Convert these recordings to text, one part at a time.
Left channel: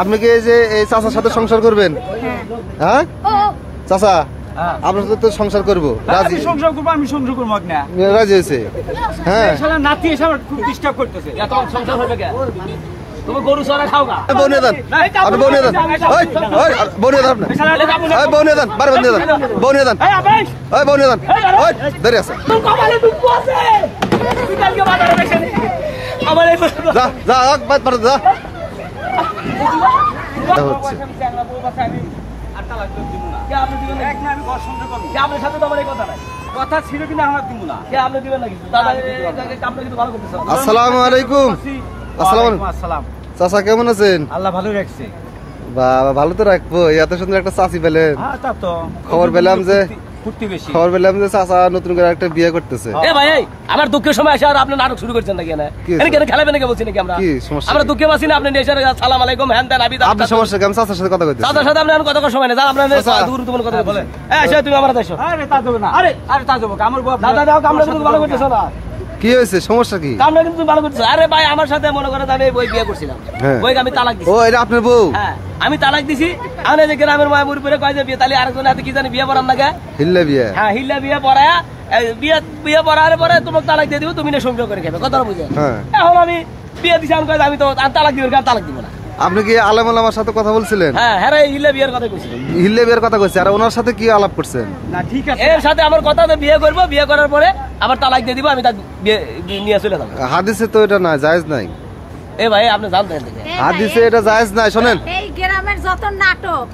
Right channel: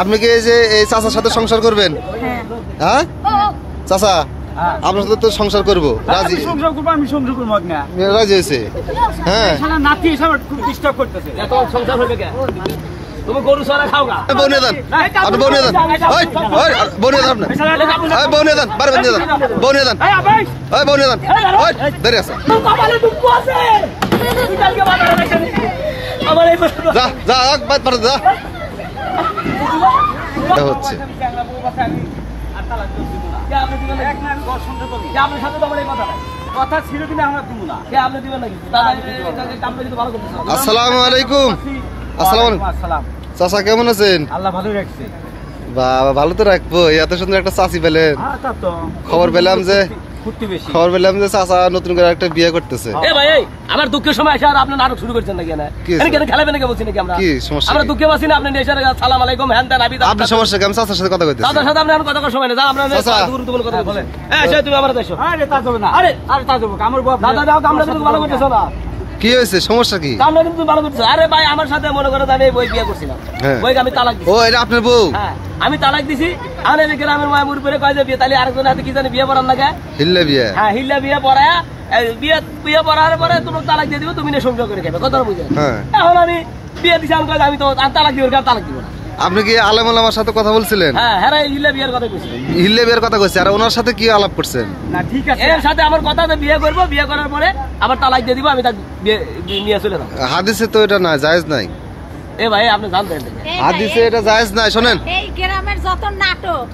আপনি কি এই যে এই চাচার সাথে সংসার করবেন? হ্যাঁ চাচা আপনার সাথে তো সংসার করবো, রাজি? সংসার করবো, আমি সংসার করবো না, রাজি হয়েছে। হ্যাঁ নাতি এসে আমার খুব ডিস্টার্ব করতেছে। এত সংসার হবে কেন? তুমি গরু চড়া খাও না? বউনে দেন, আপনি বউনে দেন, বউনে দেন, বউনে দেন, বারে বউনে দেন, বউনে দেন, বউনে দেন, দাঁড়িয়ে আছে। যা যা যা যা হচ্ছে। আসসালামু আলাইকুম। চাচা কেমন আছেন? আল্লাহ ভালো রাখছে। বাবা ভালো তো রাখবো, এত সুন্দর একটা চাচি পেলেন। খবর পেলাম যে চাচা নতুন করে একটা বিয়ে করতেছে। আমার দুঃখের সময় এসে আপনার নাটক শুরু করছেন নাকি? খেলাবেন নাকি বলছি নাকি? আমরা কি সমস্যা? আমরা দুঃখে আছি না, আপনি সালাম আলাইকুম হ্যান দেন। আপনার সমস্যা কি? আমি চাচার সাথে কথা কইতেছি। চাচার সাথে আপনার কথা সময় না, আপনার কথা বলেন। তুমি আমার দেশো। আরে তা যাবে না, আরে আরে তা যাবো আমার বাপ দাদা দাও, আমরা কিন্তু ভালো করতেছ না। কি হয়েছে, সমস্যা কি? আমরা কিন্তু ভালো করতেছ। আরে ভাই আমার সাথে মনে করেন আমি বই বিয়ে করছিলাম, বই আমি তালাক দিছি। ও এটা আপনার বউ? হ্যাঁ আমি তালাক দিছি। আমি যে গ্রামের মায়ের উপরে কয় যে বিয়ে, তাহলে আরেকজন হাতে কি জানি বিয়ে পড়ার লাগে, হিল্লা বিয়ে। হ্যাঁ হিল্লা বিয়ে পড়ায় বিয়ে পড়ার পরে তোমাকে তালাক দিয়ে দিব, তুমি না সংসার করে খাবে, কথা বুঝে। এখন আমি বিয়ে দিছি, আমি তো তালাক দিব, তালাক দিব না। আপনি কি আলেম ওলামার সাথে কথা বলছিলেন? হ্যাঁ হ্যাঁ হিল্লা বিয়ের কথা কইছি। হিল্লা বিয়ের কথা কইছে, আর ওনার সাথে কি আলাপ করছেন? না ঠিক আছে, এর সাথে আমার কথা যে বিয়ে করব, বিয়ে করার পরে আবার তালাক দিয়ে দিব, আমি তাকে নিয়ে চলে যাব। হাদিসে তো এটা না, জায়েজ নাই। এ ভাই আপনি জানতেন হাদিসে এটা জায়েজ নাই। শুনেন, এই গ্রামের যত নাটক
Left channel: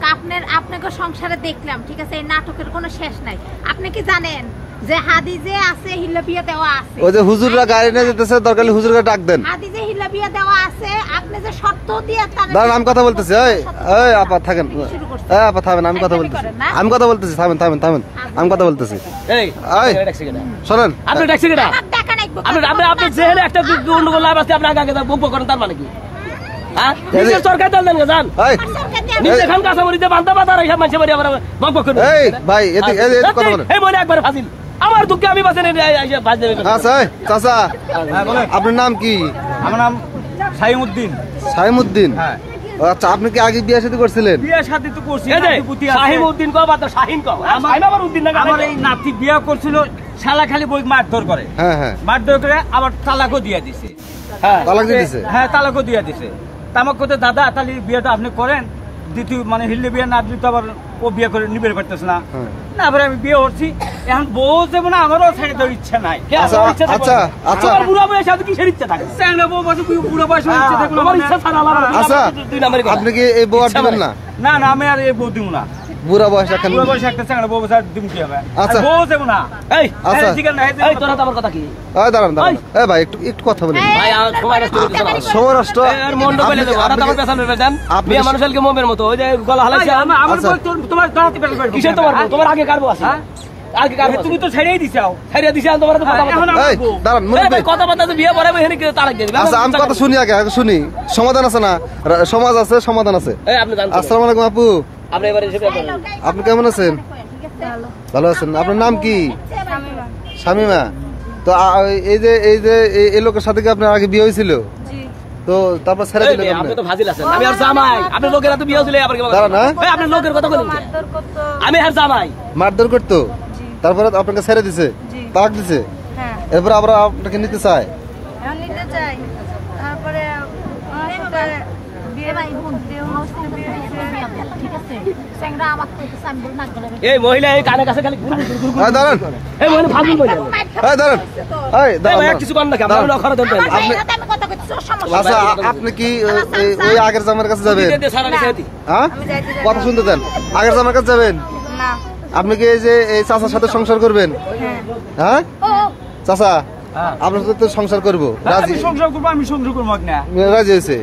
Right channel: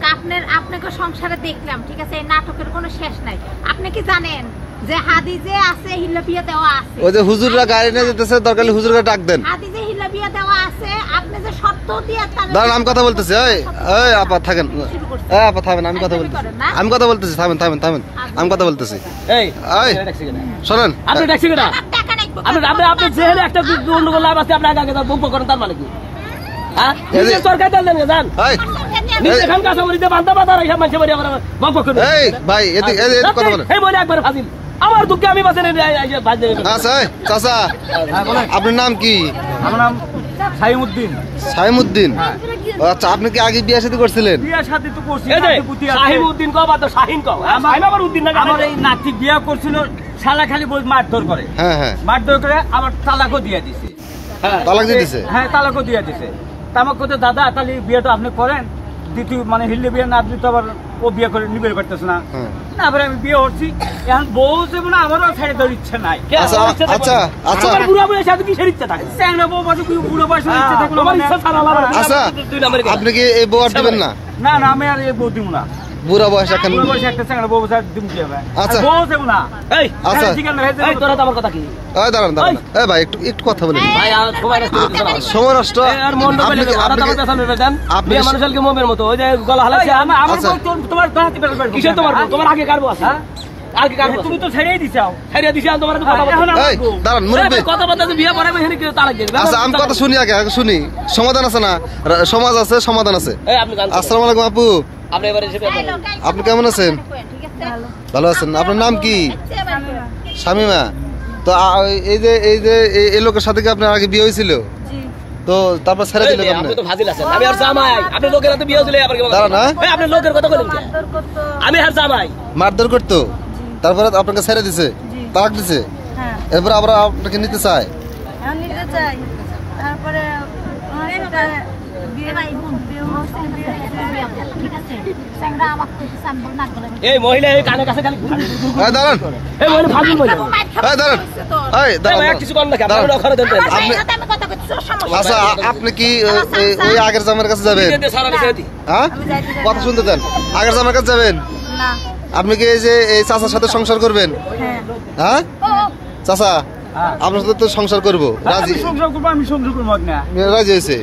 আপনাকে সংসারে দেখলাম, ঠিক আছে, এই নাটকের কোনো শেষ নাই। আপনি কি জানেন যে হাদিসে আছে হিল্লা বিয়ে দেওয়া আছে? ওই যে হুজুররা গাড়ি নিয়ে যেতেছে, দরকার হলে হুজুরকে ডাক দেন। হাদিসে হিল্লা বিয়ে দেওয়া আছে, আপনি যে শর্ত দিয়ে দাঁড়ান আমি কথা বলতেছি। এই আপা থাকেন, এই আপা থামেন, আমি কথা বলতেছি, আমি কথা বলতেছি, থামেন থামেন থামেন, আমি কথা বলতেছি। এই শোনেন, আপনি ট্যাক্সি কেনা, আপনি যেহেতু একটা গন্ডগোল লাভ আছে, আপনি আগে বক করেন, তার মানে কি? হ্যাঁ সরকার দেন জান নিজে খান কাঁচামরিচে বান্ধা বাধা রেখে মানুষের বাড়ি আবার বক বক করেন। এই ভাই এদিকে কথা বলেন। এই মনে একবার ফাজিল, আমার দুঃখে আমি বাঁচে ভাজ দেবে। আচ্ছা চাচা আপনার নাম কি? আমার নাম সাইমউদ্দিন। সাইমউদ্দিন? আচ্ছা আপনি কি আগে বিয়ে শাদী করছিলেন? বিয়ে শাদী তো করছি। সাইমউদ্দিন কও বা তো শাহিন কও, আমার উদ্দিন না। আমার এই নাতি বিয়ে করছিল, শালা খালি বই মারধর করে। হ্যাঁ হ্যাঁ মারধর করে আবার তালাকও দিয়ে দিছে। তালাক দিয়ে দিছে? হ্যাঁ তালাকও দিয়ে দিছে। তামাক করতে দাদা তাহলে বিয়েটা আপনি করেন, দ্বিতীয় মানে হিল্লে বিয়ে না দিতে, আবার ও বিয়ে করে নিবে পারতেছে না। না আবার আমি বিয়ে করছি, এখন বউ যাবো না, আমারও ছেড়ে দেওয়ার ইচ্ছা নাই। আচ্ছা আচ্ছা আচ্ছা বুড়া বয়সে আপনি কিসের ইচ্ছা থাকে? চ্যাংড়া বউ বাজে বুড়া বয়সে ইচ্ছা থাকলো। আচ্ছা আপনি কি এই বউ আর দিবেন না? না না আমি আর এই বউ দিব না। বুড়া বয়স এখন বুড়া বয়সে একটা চ্যাংড়া বউ বাজে দিব কি হবে? আচ্ছা বউ যাবো না। এই আচ্ছা ঠিক আছে, এই তোরা তো আমার কথা কি? এই দাঁড়ান দাঁড়ান, এই ভাই একটু একটু কথা বলেন ভাই। আর সময় নষ্ট করে দিতে না, সময় নষ্ট। আর মন ডুবে দিতে আর আমার পেছনে দেন। আপনি মানুষের মোমের মতো ওই যে গলা হালাইছে। আমার তোমার দাঁড়াতে পারবে কিসে তোমার আগে কারবো আছে? আগে কারবো তুমি তো ছেড়েই দিছাও। ছেড়ে দিছি তোমার। এখন এই দাঁড়ান মুরব্বি, কথা বলতে বিয়ে পড়াবে এখানে কেউ তালাক দিবে। আচ্ছা আমি কথা শুনি, আগে শুনি। সমাধান আছে না, সমাজ আছে, সমাধান আছে। এই আপনি জানেন। আসসালামু আলাইকুম আপু, আপনি এবারে এসে আপনি কেমন আছেন? ভালো আছেন? আপনার নাম কি? শামিমা। তো এই যে এই লোকের সাথে কি আপনার আগে বিয়ে হয়েছিল? তো তারপর ছেড়ে দিলেন আপনি? তো ফাজিল আছেন। আমি আর জামাই, আপনি লোকের হাতে বিয়ে হয়েছিল আবার কি? দাঁড়ান না, এই আপনি লোকের কথা বলেন কি? আমি আর জামাই মারধর করতো, তারপরে আপনাকে ছেড়ে দিছে, তালাক দিছে, এরপর আবার আপনাকে নিতে চায়? নিতে চাই, তারপরে এই মহিলা এই কানে কাছে খালি দাঁড়ান, এই মহিলা ফাজিল বলে। দাঁড়ান, দাঁড়ান কিছু করেন নাকি? আপনি অক্ষরে দেন। আপনি আচ্ছা আপনি কি ওই আগের জামার কাছে যাবেন? হ্যাঁ কথা শুনতে দেন, আগের জামার কাছে যাবেন? আপনি কি এই যে এই চাচার সাথে সংসার করবেন? হ্যাঁ চাচা আপনার সাথে তো সংসার করবো, রাজি? সংসার করবো, আমি সংসার করবো না, রাজি হয়েছে।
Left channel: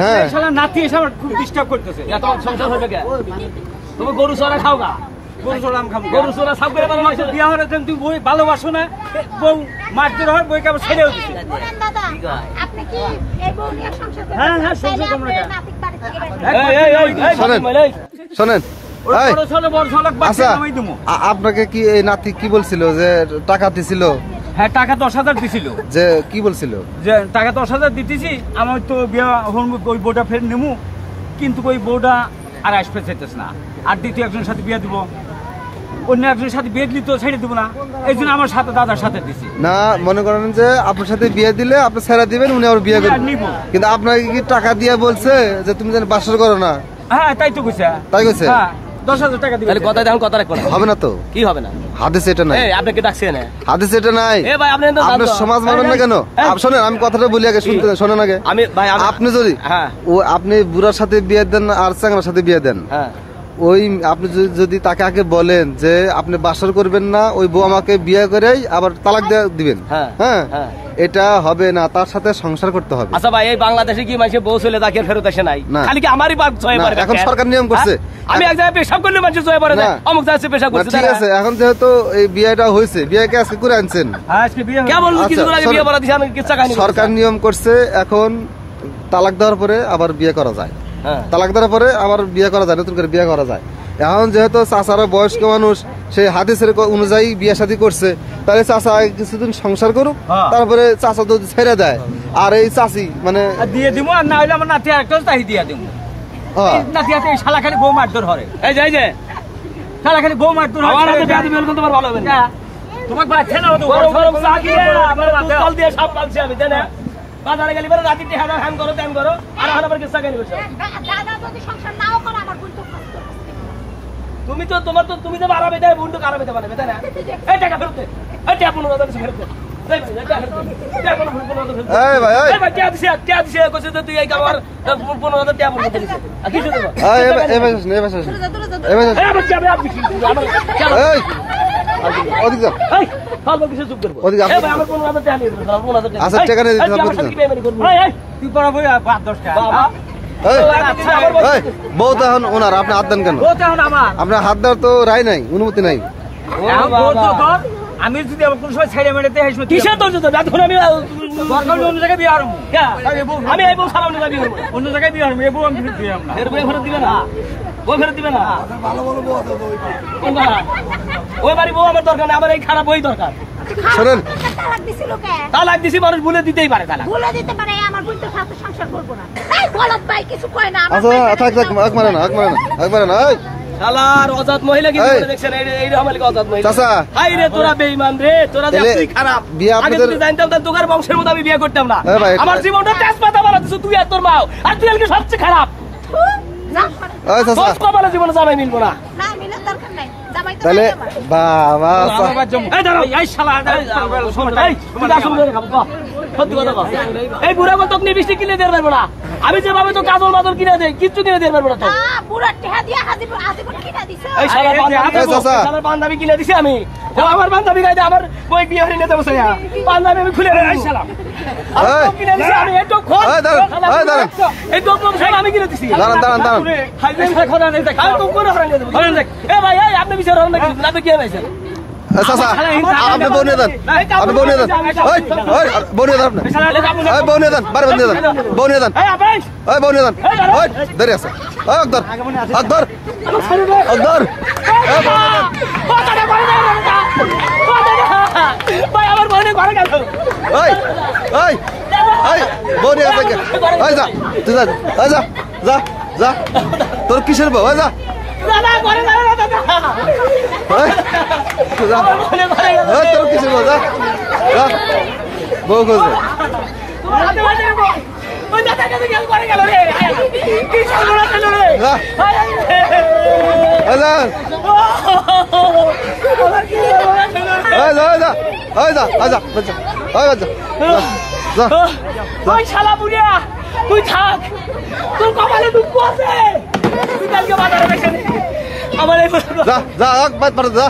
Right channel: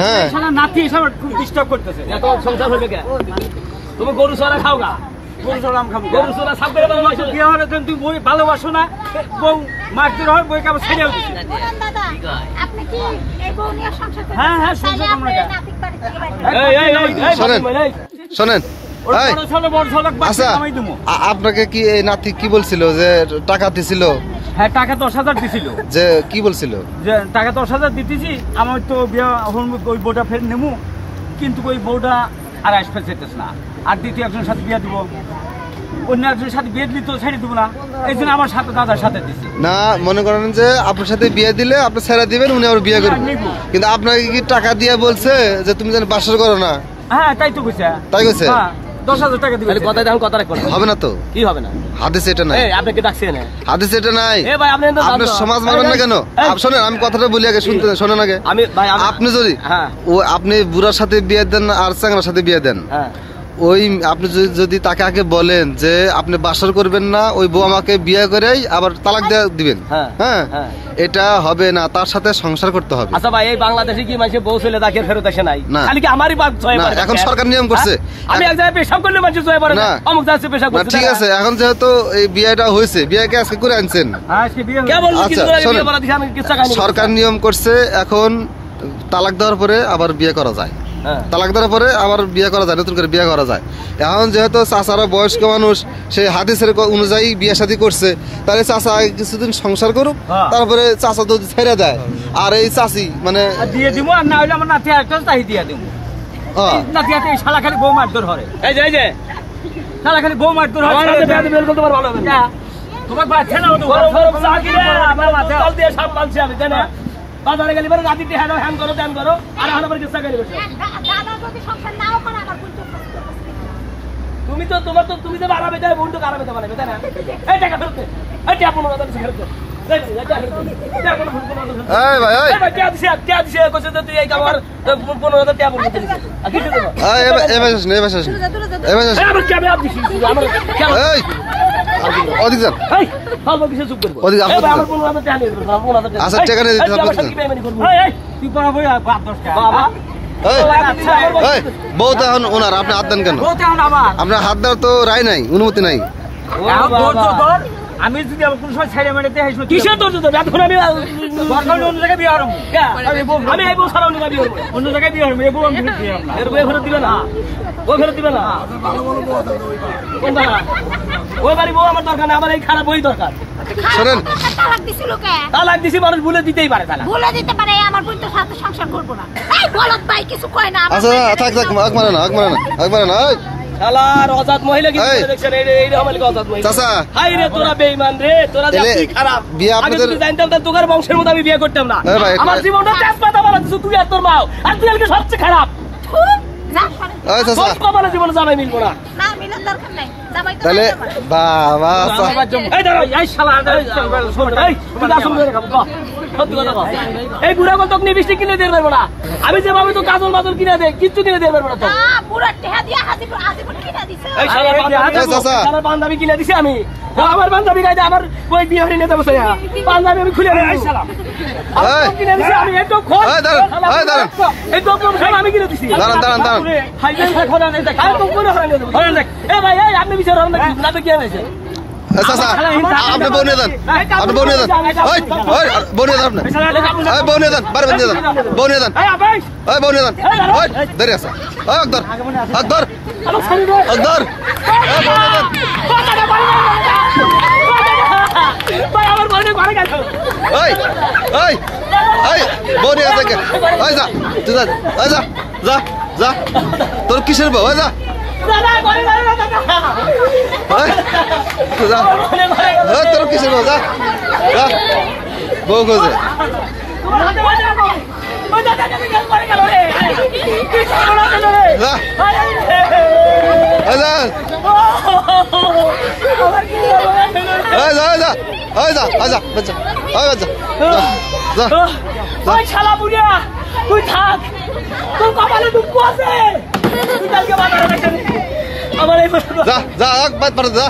হ্যাঁ নাতি এসে আমার খুব ডিস্টার্ব করতেছে। এত সংসার হবে কেন? তুমি গরু চড়া খাও না? গরু চড়া আমি খাবো। গরু চড়া সাপ করে বিয়ে হওয়ার জন্য তুমি বই ভালোবাসো না, বউ মারধর হয়, বইকে আমি ছেড়ে দিচ্ছি। হ্যাঁ হ্যাঁ সংসার করবো না। শোনেন শোনেন, আচ্ছা আপনাকে কি এই নাতি কি বলছিল যে টাকা দিছিল? হ্যাঁ টাকা 10,000 দিছিল। যে কি বলছিল? যে টাকা 10,000 দিতেছি, আমার তো বিয়ে ওই বইটা ফের নিমু, কিন্তু ওই বউটা আর আসতে চাইতেছে না, আর দ্বিতীয় একজনের সাথে বিয়ে দিব, অন্য একজনের সাথে বিয়ে দিলে তো ছেড়ে দিব না, এই জন্য আমার সাথে দাদার সাথে দিচ্ছি। না মনে করেন যে আপনার সাথে বিয়ে দিলে আপনি ছেড়ে দিবেন, উনি আবার বিয়ে করবেন, কিন্তু আপনাকে কি টাকা দিয়ে বলছে যে তুমি যেন বাসর করো না? হ্যাঁ তাই তো কইছে। তাই কইছে? 10,000 টাকা দিবে। তাহলে কথা দেখুন, কথা রাখবেন হবে না তো? কি হবে না? হাদিস এটা নাই। এই আপনি কি ডাকছেন? হাদিস এটা নাই। এ ভাই আপনি তো আপনি সমাজ মানেন না কেন? শোনেন আমি কথাটা বলি আগে, শুনতে শোনেন আগে। আমি ভাই আপনি যদি হ্যাঁ আপনি বুড়ার সাথে বিয়ে দেন আর চ্যাংড়ার সাথে বিয়ে দেন, হ্যাঁ ওই আপনি যদি তাকে আগে বলেন যে আপনি বাসর করবেন না, ওই বউ আমাকে বিয়ে করেই আবার তালাক দিবেন, হ্যাঁ এটা হবে না, তার সাথে সংসার করতে হবে। আচ্ছা ভাই এই বাংলাদেশে কি মানুষ বউ ছেলে তাকে ফেরত আসে নাই? খালি কি আমারই বাপ ছয় পড়ে? এখন সরকার নিয়ম করছে, আমি এক জায়গায় পেশাব করলে মানুষ ছয় পড়ে না, অমুক জায়গায় পেশাব করছে। ঠিক আছে, এখন যেহেতু এই বিয়েটা হয়েছে, বিয়েকে আজকে করে আনছেন, আজকে বিয়ে কেমন কি করে বিয়ে করা দিছে? আমি কিচ্ছা কাহিনী সরকার নিয়ম করছে এখন তালাক দেওয়ার পরে আবার বিয়ে করা যায়, তালাক দেওয়ার পরে আবার বিয়ে করা যায়, নতুন করে বিয়ে করা যায়। এখন যেহেতু চাচারা বয়স্ক মানুষ, সেই হাদিসের অনুযায়ী বিয়ে শাদী করছে, তাহলে চাচা কিছুদিন সংসার করুক, তারপরে চাচা যদি ছেড়ে দেয়, আর এই চাচি মানে দিয়ে দিব, না হইলে আমার নাতি একটা তাই দিয়ে দিব। নাতি হাতে শালা খালি বউ মারধর হয়, এই যে শালা খালি বউ মারধর হয়। তোমার ভালো হবে না, তোমাকে বাচ্চা না হতো জল দিয়ে সাপ পালছি আমি, জানেন বাজারে গেলি পরে রাতে হ্যাং করো ত্যান করো, আর এখন আবার কিচ্ছা কাহিনী বসে। দাদা যদি সংসার নাও করে আমার বোন তো কষ্ট করবে। তুমি তো তোমার তো তুমি তো আরামে দেয়, বোন তো আরামে দেয় বানাবে, তাই না? এই টাকা ফেরত দে, এই টাকা 15,000 ফেরত দে, বউ তো এখন ওনার, আপনি হাত দেন কেন? আপনার হাত দেওয়ার তো রায় নাই, অনুমতি নাই। আমি যদি কোন সময় ছেড়ে মেরে দেয় কিসের তোর এখন আমি অন্য জায়গায় বিয়ে হারবো, আমি এই বউ ছাড়া অন্য জায়গায় বিয়ে করবো, অন্য জায়গায় বিয়ে হারবো, এ বউ আমি বিয়ে হারবো না। এর বউ ফেরত দিবে না, বউ ফেরত দিবে না। ওই বাড়ি বউ আমার দরকার না, আমার এই খারাপ বই দরকার। শোনেন তালাক দিছিল কে? তালাক দিছি, মানুষ ভুলে দিতেই পারে তালাক, ভুলে দিতে পারে, আমার বোন তো সাথে সংসার করবো না। এই বলত ভাই কিছু কয় না। আচ্ছা থাক থাক, আগ মারে না, আগ মারে না, আগ মারে না। শালার অজাত মহিলা কি দেখছেন? এই আমালিক অজাত মহিলা। চাচা হাই রে তোরা বেঈমান রে, তোরা দেখছিস খারাপ। বিয়ে আপনাদের আগে জানতাম তার তোর বংশের মধ্যে আমি বিয়ে করতাম না। ভাই আমার জীবনটা তেজপাতা বানাচ্ছিস তুই আর তোর মাও, আর তুই আজকে সবচেয়ে খারাপ। ওই চাচা কপালে জীবনে জামাই মিলবো না। না মিলার দরকার নাই, জামাই তো তাহলে বাবা এই দাঁড়াও, এই শালা শোন, এই তুই আসল করে খাবো, কও সত্যি কথা কও। এই বুড়া গল তোকে লিপস্টিক কিনে দিতে পারবো না, আমি যেভাবে তো কাজল মাদল কিনে দেই কিচ্ছু কিনে দিতে পারবো না তো। পুরো টেহা দিয়া হাজিপুর কিনা দিছে। এই শালার বান্ধবী কিনে দিছি আমি, আমার বান্ধবী গাইতে আমার ওই বিয়ে হয়ে নিতে বসে বান্ধবী আমি খুলে দেই। এই শালা কিনে দিছি আমি, এই তো খোল, এই দাঁড়ান, এই দাঁড়ান, এই তো আমি কিনে দিছি। দাঁড়ান দাঁড়ান দাঁড়ান, হাইজেন খোলা নেই দেখ, আমি তো কোনে হরান দেখ। এ ভাই এই আপনি বিচার হরান নাকি না তো কি হয়েছে? চাচা আপনি বউ নিয়ে দেন, আপনি বউ নিয়ে দেন, ওই ওই বউ নিয়ে দেন, আপনি ওই বউ নিয়ে দেন, বারে বউ নিয়ে দেন, বউ নিয়ে দেন, ওই বউ নিয়ে দেন, ওই দেরি আছে, ওই আকদর আকদর আকদর, ওই বউ নিয়ে দেন। ওই ওই ওই বউ নিয়ে দেন, ওই যা তুই যা, ওই যা যা যা, তোর কিসের বউ? ওই যা তোর কিসের বউ? যা যা, বউ খোঁজে। তুই থাক, তোর কপালে দুঃখ আছে, তুই কালকে বাজারে বেশি আমার এই যা যা বাদ পারে যা।